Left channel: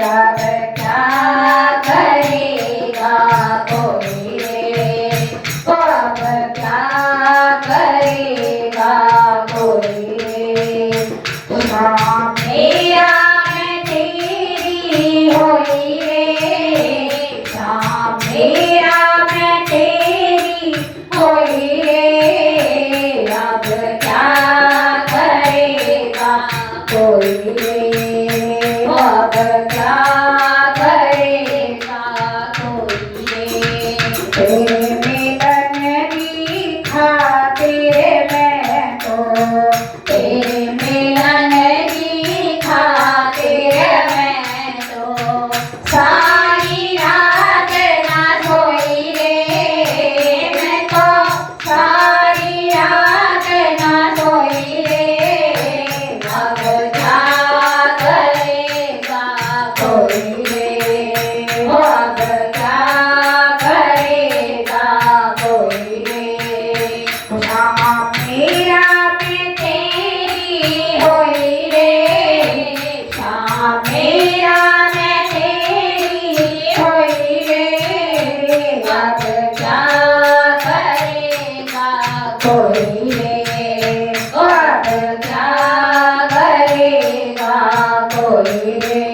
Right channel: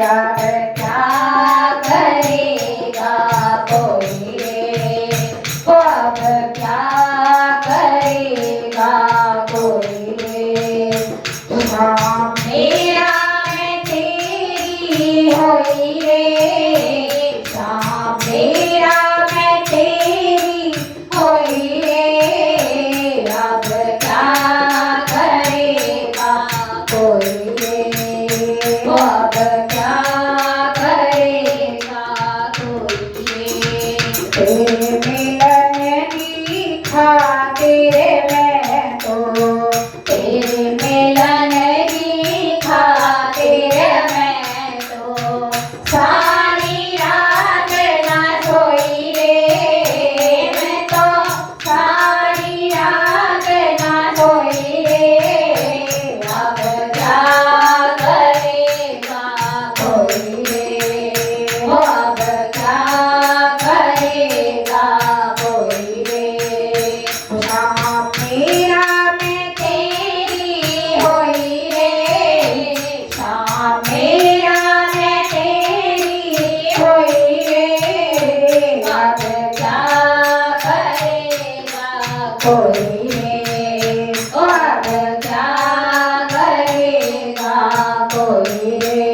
अब क्या करेगा कोई रे, वो अब क्या करेगा कोई रे। शाम मेरा मैं तेरी होई रे, शाम मेरा मैं तेरी होई रे, अब क्या करेगा कोई रे, वो अब क्या करेगा कोई रे। तेरे मिलन की खातिर मैं तो, तेरे मिलन की खातिर मैं तो सारी रात ना सोई रे, मैं तो सारी रात ना सोई रे, अब क्या करेगा कोई रे, वो अब क्या करेगा कोई रे। शाम मेरा मैं तेरी होई रे, शाम मेरा मैं तेरी होई रे, अब क्या करेगा कोई रे, अब क्या करेगा कोई रे।